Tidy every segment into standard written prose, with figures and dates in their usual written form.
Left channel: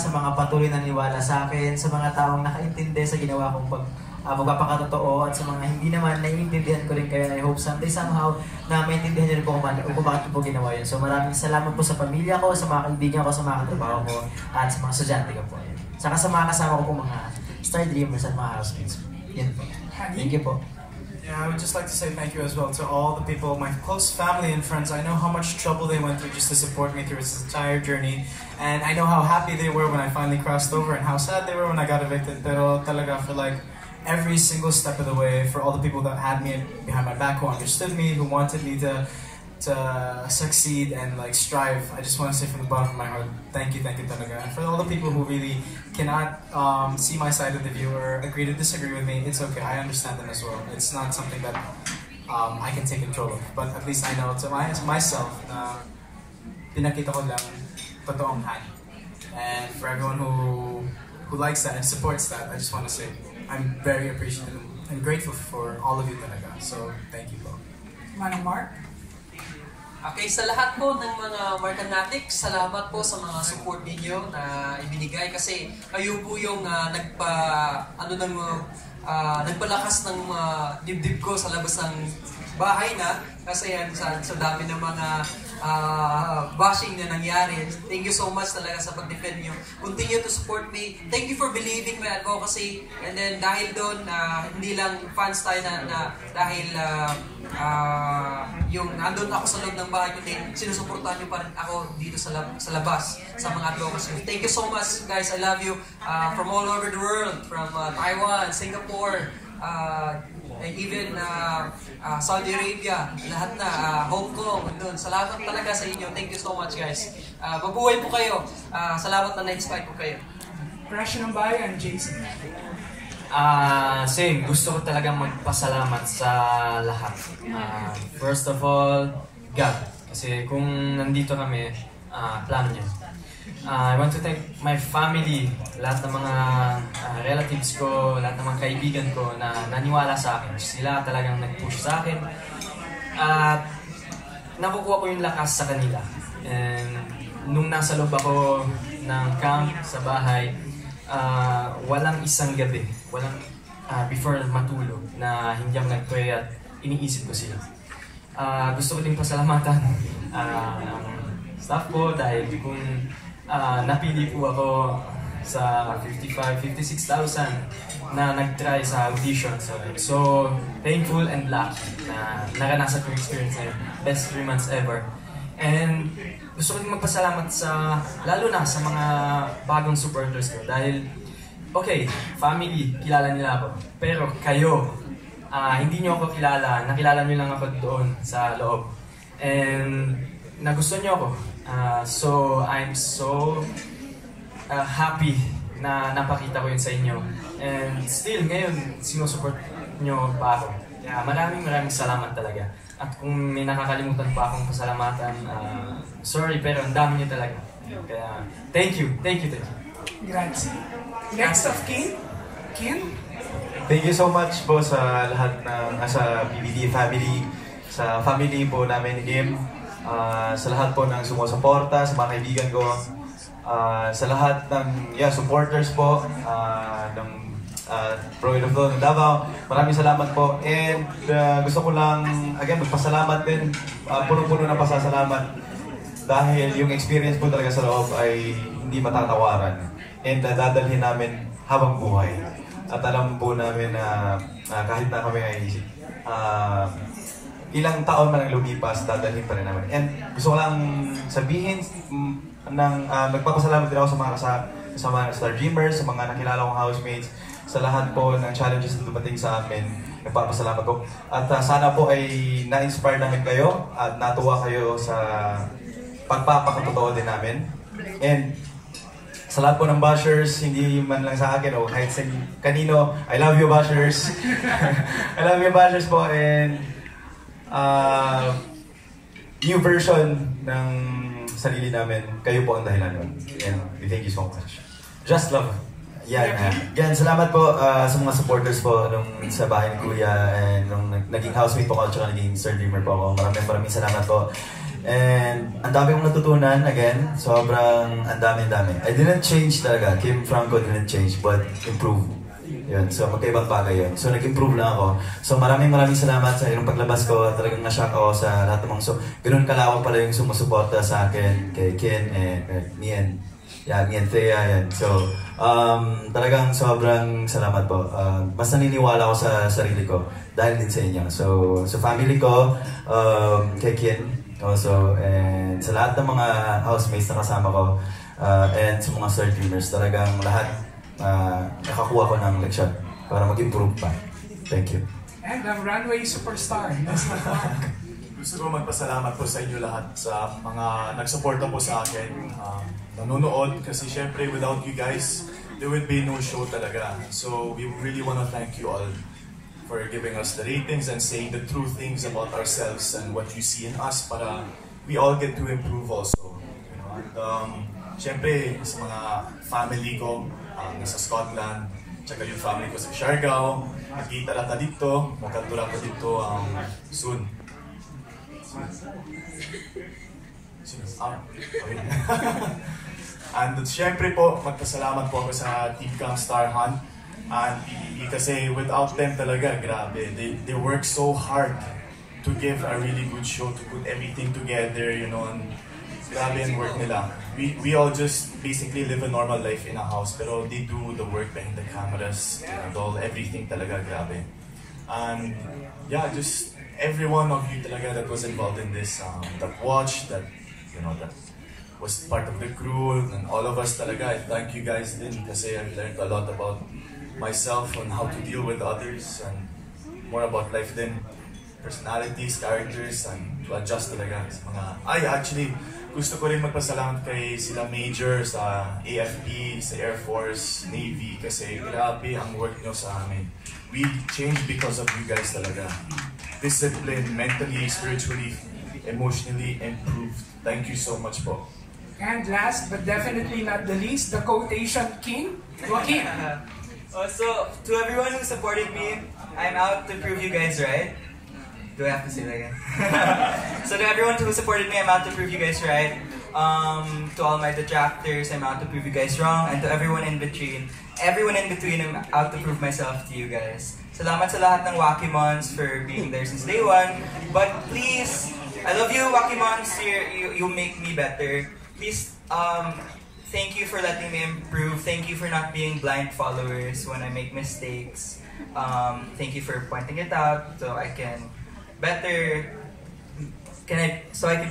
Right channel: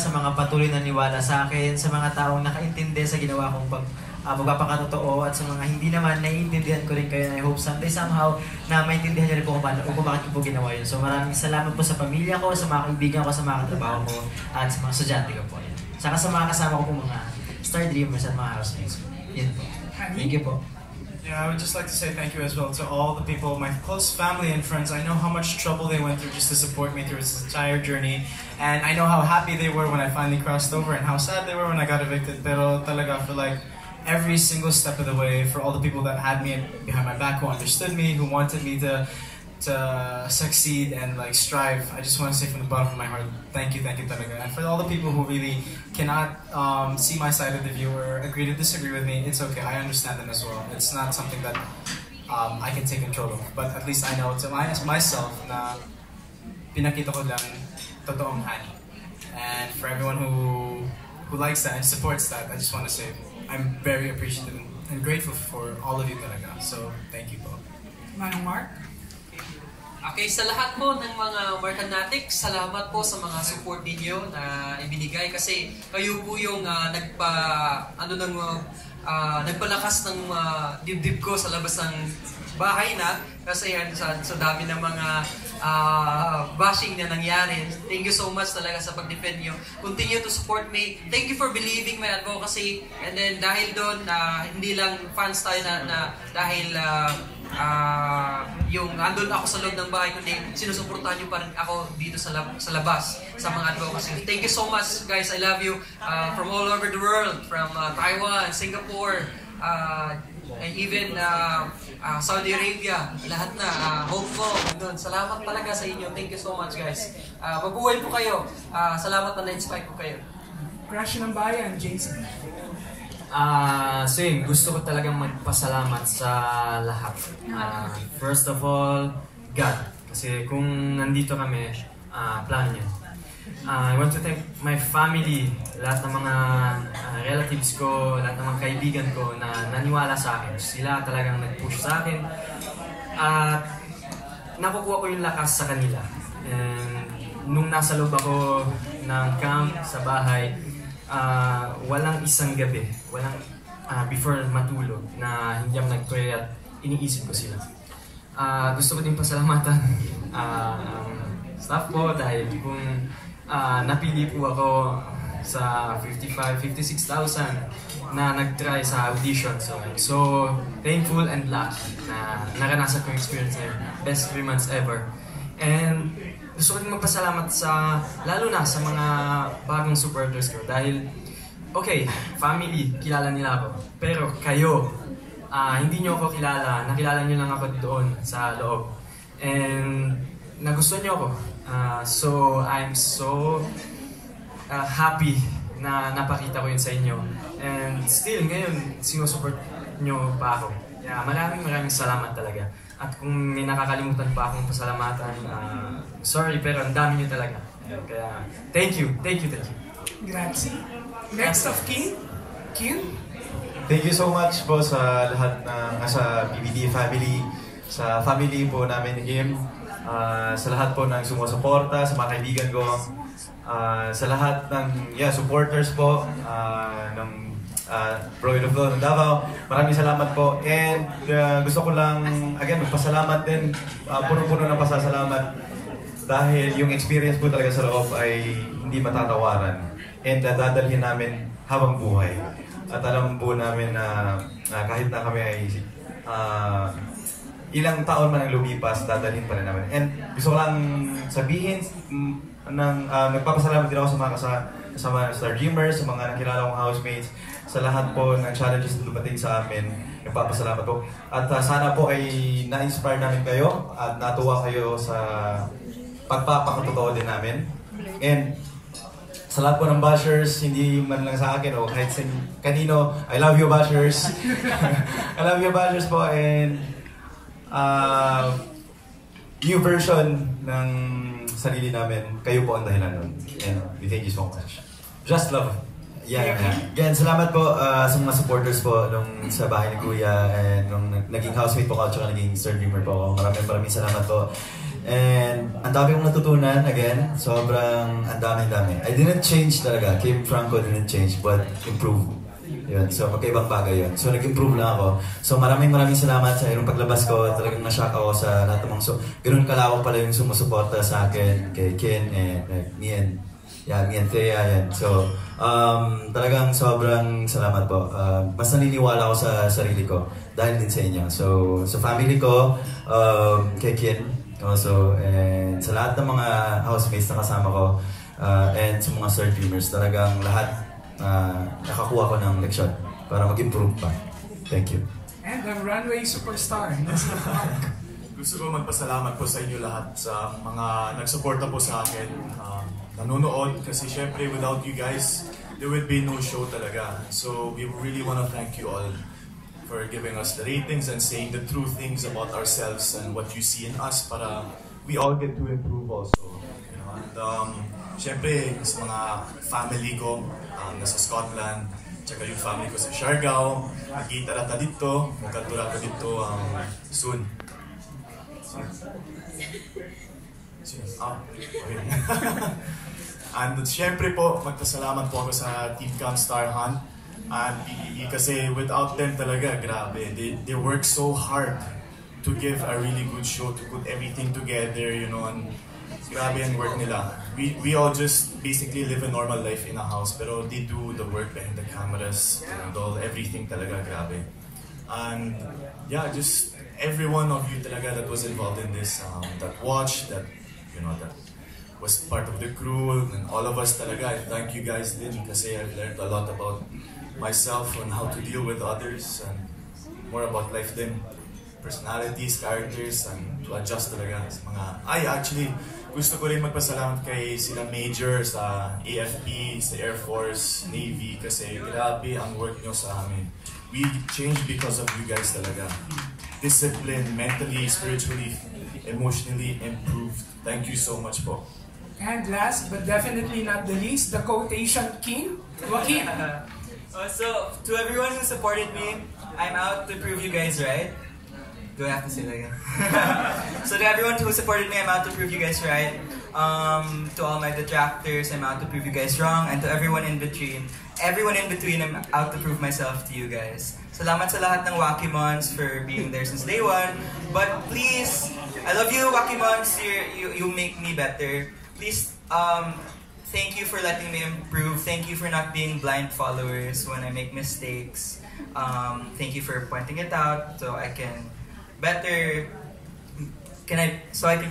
sa mga patuloy na niwala sa akin, sa mga taong nakaintindi sa ginawa kong pagpapakatotoo, at sa mga hindi naman naiintindihan ko rin kayo. I hope someday somehow na maintindihan niyo rin po kung bakit ko po ginawa yun. So maraming salamat po sa pamilya ko, sa mga kaibigan ko, sa mga katrabaho ko, at sa mga estudyante ko po. Yan. Saka sa mga kasama ko po, mga Star Dreamers at mga housemates. Yan po. Thank you po. Yeah, I would just like to say thank you as well to all the people, my close family and friends. I know how much trouble they went through just to support me through this entire journey. And I know how happy they were when I finally crossed over and how sad they were when I got evicted. Pero talaga, for like every single step of the way, for all the people that had me behind my back, who understood me, who wanted me to succeed and like strive, I just want to say from the bottom of my heart, thank you talaga. And for all the people who really cannot see my side of the view or agree to disagree with me, it's okay, I understand them as well. It's not something that I can take control of, but at least I know to myself na pinakita ko lang totoong Hani. And for everyone who likes that and supports that, I just want to say I'm very appreciative and grateful for all of you talaga. So thank you po. Manong Mark? Okay, sa lahat po ng mga Markanatics, salamat po sa mga support ninyo na ibinigay kasi kayo po yung nagpalakas ng dibdib ko sa labas ng bahay na kasi yan sa dami ng mga bashing na nangyari. Thank you so much talaga sa pag-defend nyo. Continue to support me. Thank you for believing my advocacy. And then dahil doon, hindi lang fans tayo na dahil yung nandun ako sa loob ng bahay, kundi sinusuportahan nyo pa rin ako dito sa labas sa mga advocacy. Thank you so much guys. I love you from all over the world, from Taiwan, Singapore, and even Saudi Arabia, lahat na, Hong Kong, doon. Salamat talaga sa inyo. Thank you so much guys. Mabuhay po kayo. Salamat na na-inspire po kayo. Crush ng bayan, Jason. Same, gusto ko talagang magpasalamat sa lahat. First of all, God. Kasi kung nandito kami, plano niya. I want to thank my family, lahat ng mga relatives ko, lahat ng mga kaibigan ko na naniwala sa akin. Sila talagang nag-push sa akin. At nakukuha ko yung lakas sa kanila. And nung nasa loob ako ng camp sa bahay, walang isang gabi, before matulog, na hindi ako nag-pray at iniisip ko sila. Gusto ko din pasalamatan staff ko dahil kung napili po ako sa 56,000 na nag-try sa audition. So thankful and lucky na naranasan ko yung experience na yun. Best 3 months ever. And gusto ko din magpasalamat lalo na sa mga bagong supporters ko dahil okay, family, kilala nila ako. Pero kayo, hindi nyo ako kilala, nakilala nyo lang ako doon sa loob. And nagustuhan nyo ako. So I'm so happy na napakita ko yun sa inyo. And still, ngayon, sinusupport nyo pa ako. Kaya maraming salamat talaga. At kung may nakakalimutan pa akong pasalamatan, sorry, pero ang dami nyo talaga. Kaya, thank you. Grazie. Next of kin? Thank you so much po sa lahat ng sa PBD family, sa family po namin ni Kim, sa lahat po ng sumusuporta, sa mga kaibigan ko, sa lahat ng supporters po ng Pride of Dawn ng Davao. Maraming salamat po. And gusto ko lang, again, magpasalamat din, puno-puno ng pasasalamat dahil yung experience po talaga sa loob ay hindi matatawaran. And dadalhin namin habang buhay. At alam po namin na kahit na kami ay ilang taon man ang lumipas, dadalhin pa rin namin. And gusto ko lang sabihin nagpapasalamat din ako sa mga kasama Star Dreamers, sa mga nakilala kong housemates, sa lahat po ng challenges na dumating sa amin. Nagpapasalamat po. At sana po ay na-inspire namin kayo at natuwa kayo sa pagpapakatotoo din namin. And sa lahat po ng bashers, hindi man lang sa akin o kahit sa kanino, I love you bashers. I love you bashers po. And new version ng sarili namin, kayo po ang dahilan nun. And we thank you so much. Just love. Yeah. Again, salamat po sa mga supporters po nung sa bahay ni Kuya and nung naging housemate po ako at saka naging Star Dreamer po ako. Maraming salamat po. And ang dami kong natutunan, again, sobrang ang dami. I didn't change talaga. Kim Franco didn't change, but improve. Yun. So, magkaibang bagay yun. So, nag-improve lang ako. So, maraming salamat sa ilang paglabas ko. Talagang na-shock ako sa lahat ng mga... So, ganun kalawak pala yung sumusuporta sa akin, kay Ken, and me and Thea. Yan. So, talagang sobrang salamat po. Mas naniniwala ako sa sarili ko dahil din sa inyo. So, sa family ko, kay Ken, also, and sa lahat ng mga housemates na kasama ko, and sa mga Star Dreamers, talagang lahat nakakuha ko ng leksyon para mag-improve pa. Thank you. And ang runway superstar, Mr. Mark. Gusto ko magpasalamat po sa inyo lahat sa mga nagsuporta po sa akin. Nanonood kasi syempre without you guys, there would be no show talaga. So we really want to thank you all for giving us the ratings and saying the true things about ourselves and what you see in us para we all get to improve also. You know, and syempre sa mga family ko nasa Scotland, tsaka yung family ko sa Siargao, nakita na dito, magkadura ka dito soon. And syempre po, magpasalamat po ako sa Team Camstar Hunt and PBB kasi without them talaga, grabe. They work so hard to give a really good show, to put everything together, you know, and grabe yung work nila. We all just basically live a normal life in a house, pero they do the work behind the cameras and all, everything talaga, grabe. And yeah, just every one of you talaga that was involved in this, that watched, that, you know, that was part of the crew, and all of us talaga, I thank you guys din kasi I've learned a lot about myself and how to deal with others and more about life din, personalities, characters, and to adjust talaga sa mga... Actually, gusto ko rin magpasalamat kay sila Major sa AFP, sa Air Force, Navy, kasi grabe ang work nyo sa amin. We changed because of you guys talaga. Discipline, mentally, spiritually, emotionally improved. Thank you so much po. And last but definitely not the least, the quotation king, Joaquin. So, to everyone who supported me, I'm out to prove you guys right. Do I have to say that again? So to everyone who supported me, I'm out to prove you guys right. To all my detractors, I'm out to prove you guys wrong. And to everyone in between, I'm out to prove myself to you guys. Salamat sa lahat ng Wakimons for being there since day one. But please, I love you Wakimons, you make me better. Please, thank you for letting me improve. Thank you for not being blind followers when I make mistakes. Thank you for pointing it out so I can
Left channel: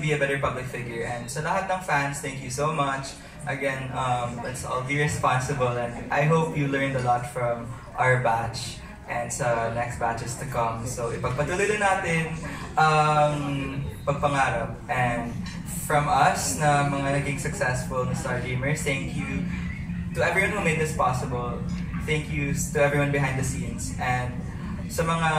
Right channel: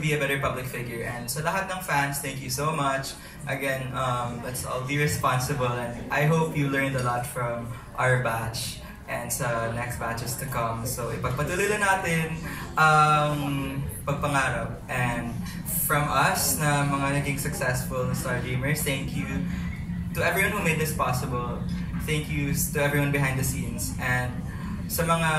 be a better public figure. And sa lahat ng fans, thank you so much. Again, let's all be responsible, and I hope you learned a lot from our batch and sa next batches to come. So ipagpatuloy natin pagpangarap. And from us na mga naging successful Star Dreamers, thank you to everyone who made this possible. Thank you to everyone behind the scenes. And sa mga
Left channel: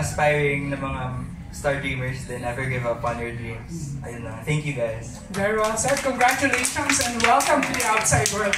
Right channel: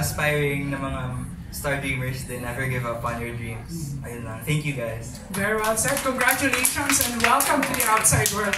aspiring na mga Star Dreamers, they never give up on your dreams. Ayun lang. Thank you guys. Very well said. Congratulations and welcome to the outside world.